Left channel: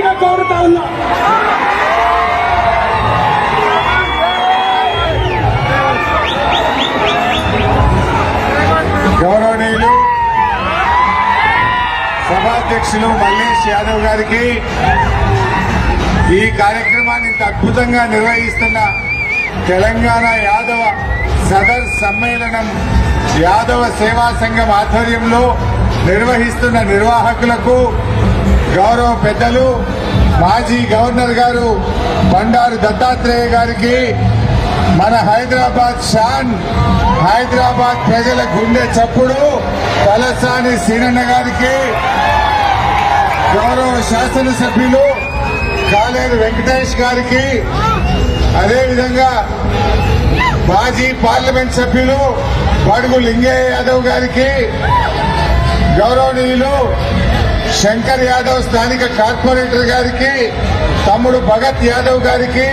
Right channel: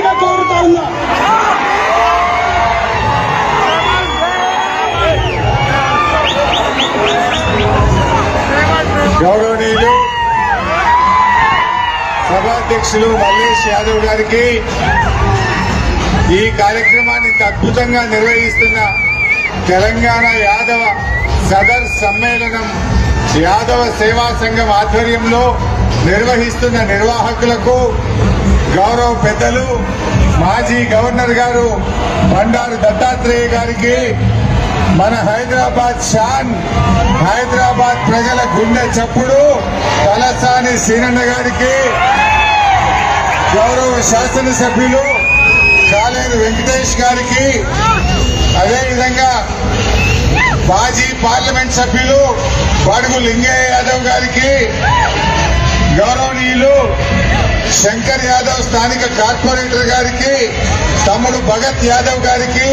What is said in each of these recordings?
ఉన్నా. గౌరవనీయులు సభాధ్యక్షులు మల్లేష్ యాదవ్ గారికి ఈ కార్యక్రమాన్ని అద్భుతంగా నిర్వహిస్తున్న తెలంగాణ యాదవ సదర్ సమ్మేళనం యాదవ సేవా సంఘం ఆధ్వర్యంలో నిర్వహిస్తున్న నిర్వాహకులకు గౌరవ పెద్దలు మాజీ గవర్నర్ గారు బండారు దత్తాత్రేయ గారికి మన హైదరాబాద్ షాన్ హైదరాబాద్ ప్రజల గుండె చప్పుడు తలసాని సీనన్న గారికి గౌరవ శాసనసభ్యులు కాలేరు వెంకటేష్ గారికి అదేవిధంగా మాజీ పార్లమెంట్ సభ్యులు బడుగు లింగయ్య యాదవ్ గారికి గౌరవనీయులు శంకర్ యాదవ్ స్థానిక కార్పొరేటర్ గారికి తమ్ముడు భగత్ యాదవ్ గారికి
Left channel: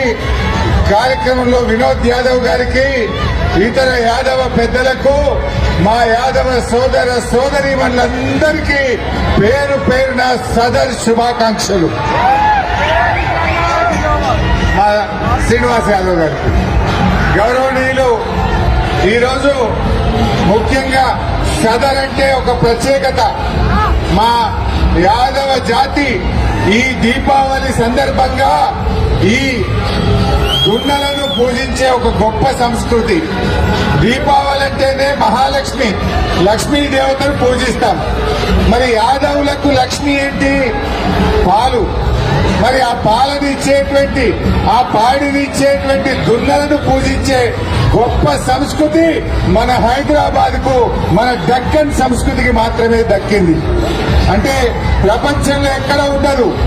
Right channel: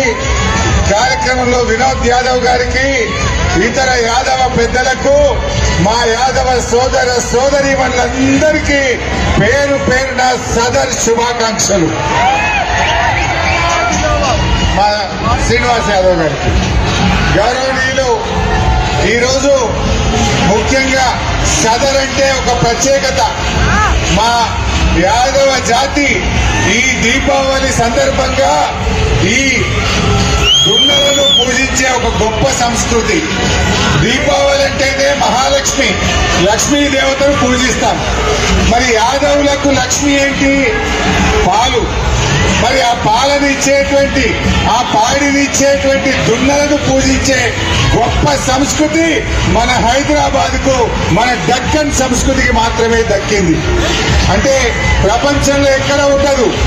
కార్యక్రమంలో వినోద్ యాదవ్ గారికి ఇతర యాదవ పెద్దలకు మా యాదవ సోదర సోదరి వాళ్ళందరికీ పేరు పేరున సదర్ శుభాకాంక్షలు. మా శ్రీనివాస్ యాదవ్ గారికి. గౌరవనీయులు ఈరోజు ముఖ్యంగా సదర్ అంటే ఒక ప్రత్యేకత. మా యాదవ జాతి ఈ దీపావళి సందర్భంగా ఈ దున్నలను పూజించే ఒక గొప్ప సంస్కృతి. దీపావళి అంటేనే మహాలక్ష్మి. లక్ష్మీ దేవతను పూజిస్తాం. మరి యాదవులకు లక్ష్మి ఏంటి? పాలు. మరి ఆ పాలను ఇచ్చేటువంటి ఆ పాడిని ఇచ్చేటువంటి దున్నలను పూజించే గొప్ప సంస్కృతి మన హైదరాబాద్కు మన దక్కన్ సంస్కృతికి మాత్రమే దక్కింది. అంటే ప్రపంచంలో ఎక్కడ ఉండదు.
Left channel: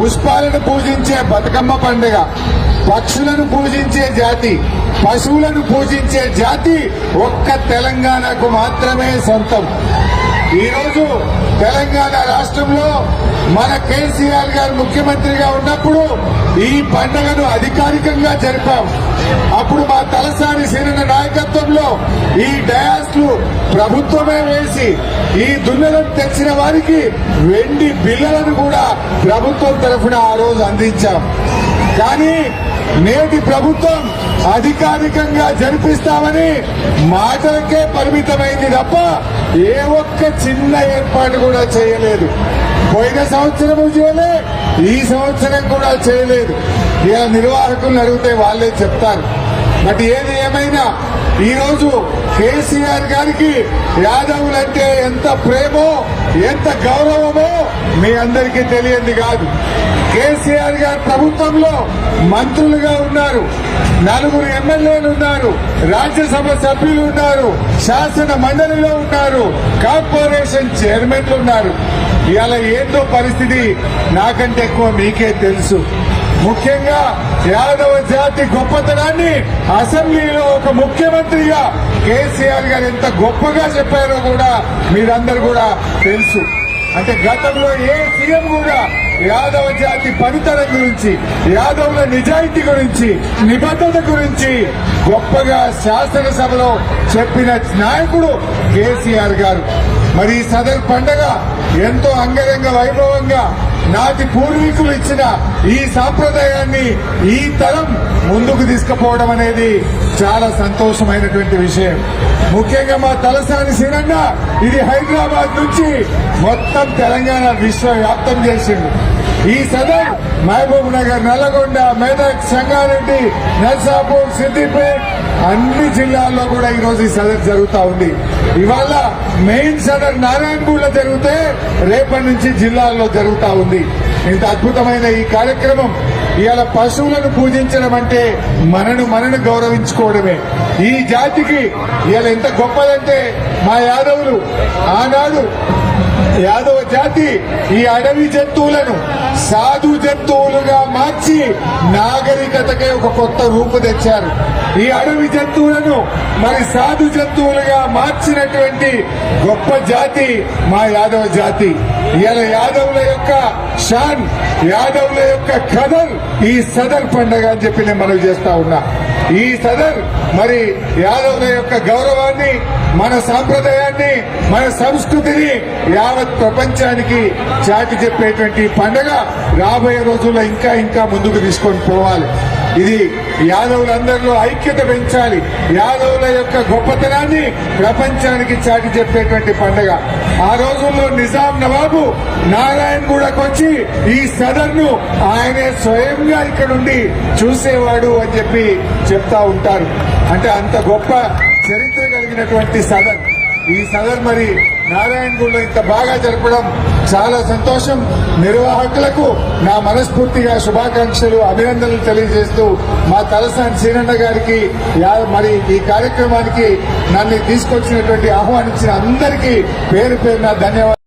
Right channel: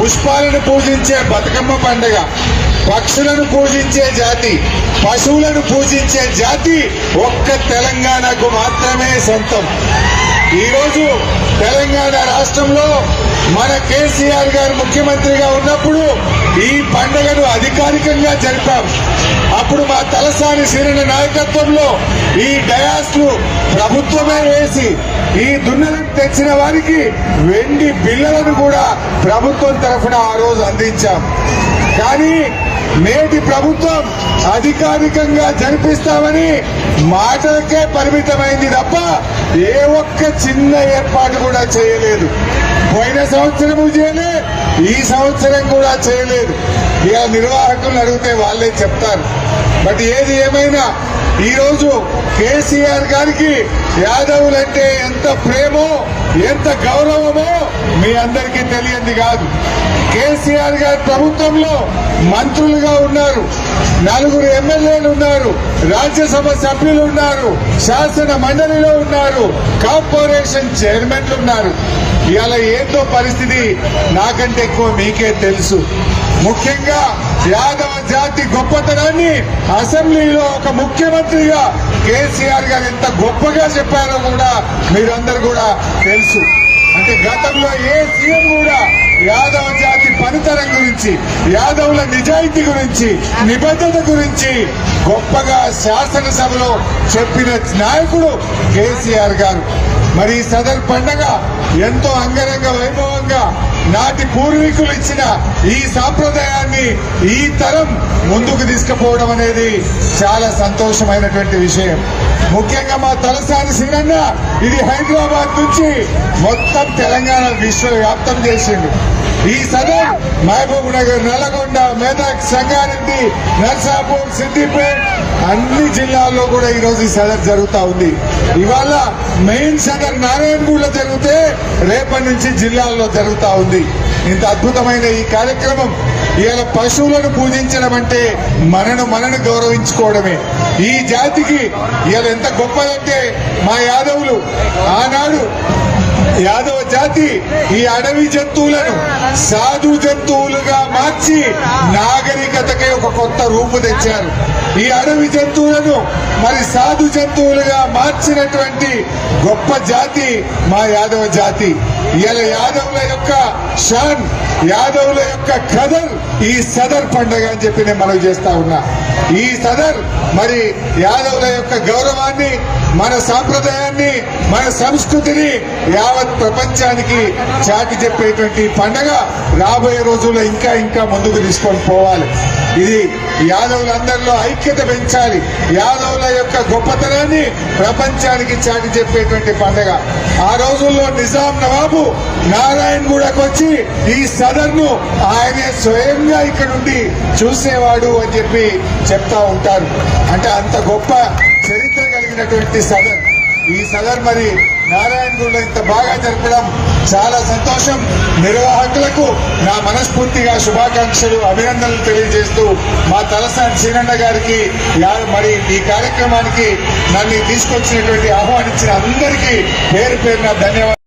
పుష్పాలను పూజించే బతుకమ్మ పండుగ పక్షులను పూజించే జాతి పశువులను పూజించే జాతి ఒక్క తెలంగాణకు మాత్రమే సొంతం. ఈరోజు తెలంగాణ రాష్ట్రంలో మన కేసీఆర్ గారు ముఖ్యమంత్రిగా ఉన్నప్పుడు ఈ పండుగను అధికారికంగా జరిపాం. అప్పుడు మా తలసాని సీరణ నాయకత్వంలో ఈ డయాస్లు ప్రభుత్వమే వేసి ఈ దున్నెలను తెచ్చిన వారికి వెండి బిల్లలను కూడా ప్రభుత్వం తరఫున ఆ రోజు అందించాం. కానీ నేటి ప్రభుత్వం అధికారికంగా జరిపిస్తామని మాటలకే పరిమితమైంది తప్ప ఏ ఒక్క చిన్న ఏర్పాటు కూడా చేయలేదు. పోయిన సంవత్సరం చేయలే ఈ సంవత్సరం చేయలేదు. ఇక నిర్వాహకులను అడిగితే వాళ్ళే చెప్తారు. బట్ ఏది ఏమైనా ఈరోజు కేసీఆర్ గారికి యాదవులంటే ఎంత ప్రేమో ఎంత గౌరవమో మీ అందరికీ తెలియంది కాదు. కేసీఆర్ గారి ప్రభుత్వంలో మంత్రులుగా ఉన్నారు నలుగురు ఎమ్మెల్యేలు ఉన్నారు రాజ్యసభ సభ్యులు ఉన్నారు శాసన మండలిలో ఉన్నారు కార్పొరేషన్ చైర్మన్లు ఉన్నారు. ఇవాళ ఏంటో పరిస్థితి నాకంటే ఎక్కువ మీకే తెలుసు. ముఖ్యంగా యాదవ జాతి గొప్పతనాన్ని అసెంబ్లీలో ఒక ముఖ్యమంత్రిగా కేసీఆర్ గారు ఎంత గొప్పగా చెప్పారో కూడా మీరందరూ కూడా తెలుసు. అంటే గతంలో ఏ సీఎం కూడా యాదవ జాతి పనితనం గురించి యాదవుల నిజాయితీ గురించి నిబద్ధత గురించి గొప్పగా శాసనసభలో చెప్పిన నాయకుడు కేసీఆర్ గారు. మరి ఈ సదర్ పండగ ఎంతో అంగరంగ వైభవంగా నాటి పూర్వీకులు ఇచ్చిన ఈ సాంప్రదాయాన్ని ఈ తరం ముందుకు తీసుకుపోవడం అనేది చాలా సంతోషమైనటువంటి విషయం. ముఖ్యంగా మా తలసాని సినన్న ఇది హైదరాబాద్ నుంచి మొత్తం తెలంగాణ విశ్వవ్యాప్తం చేసింది. ఈ సదర్ మహబూబ్ నగర్ నల్లగొండ మెదక్ సంగారెడ్డి నర్సాపూర్ సిద్దిపేట్ అన్ని జిల్లాల్లో కూడా ఈ రోజు ఈ సదర్ జరుగుతూ ఉంది. ఇవాళ మెయిన్ సదర్ నారాయణగూడలో జరిగితే రేపటి నుంచి జిల్లాల్లో జరుగుతూ ఉంది. ఇంత అద్భుతమైన ఈ కార్యక్రమం ఇవాళ పశువులను పూజించడం అంటే మనను మనను గౌరవించుకోవడమే. ఈ జాతికి ఇవాళ ఎంత గొప్పదంటే మా యాదవులు ఆనాడు యాదవ్ జాతి ఈ అడవి జంతువులను సాధు జంతువు మార్చి నాగరికతకే ఒక కొత్త రూపు తెచ్చారు. ఈ అడవి జంతువులను మరి సాధు జంతువులుగా మార్చినటువంటి గొప్ప జాతి మా యాదవ జాతి. ఇలా యాదవుల యొక్క షాన్ యాదవుల యొక్క కదర్ ఈ సదర్ పండుగ అని చెప్పి నేను మనవి చేస్తా ఉన్నా. ఈ సదర్ మరి యాదవుల యొక్క గౌరవాన్ని మన సాంప్రదాయాన్ని మన సంస్కృతిని యావత్ ప్రపంచానికి చాటి చెప్పేటువంటి పండుగ రాబోయే రోజుల్లో ఇంకా ఇంకా ముందుకు తీసుకొని పోవాలి. ఇది యాదవులందరిలో ఐక్యత పెంచాలి. యాదవుల యొక్క గొప్పతనాన్ని ప్రపంచానికి చాటి చెప్పేటువంటి పండుగ. ఆ రోజుల్లో నిజాం నవాబు నారాయణ్ గూడకు వచ్చి ఈ సదర్ను ఆయన స్వయంగా ఇక్కడ నుండి చూసేవాడు అని చెప్పి చెప్తా ఉంటారు. అంటే అంత గొప్ప చరిత్ర కలిగినటువంటి సదర్. ఈ సదర్ మరి నారాయణగూడలో ఇంత బాగా జరపడం చాలా సంతోషం. నిర్వాహకులకు నా మనస్ఫూర్తిగా శుభాకాంక్షలు అభినందనలు తెలియజేస్తూ మా తలసాని సీనన్న గారికి యా- మరి ఈ కార్యక్రమానికి మళ్ళీ తీసుకొచ్చినటువంటి ఆహ్వానించిన అందరికీ పేరు పేరున ధన్యవాదాలు.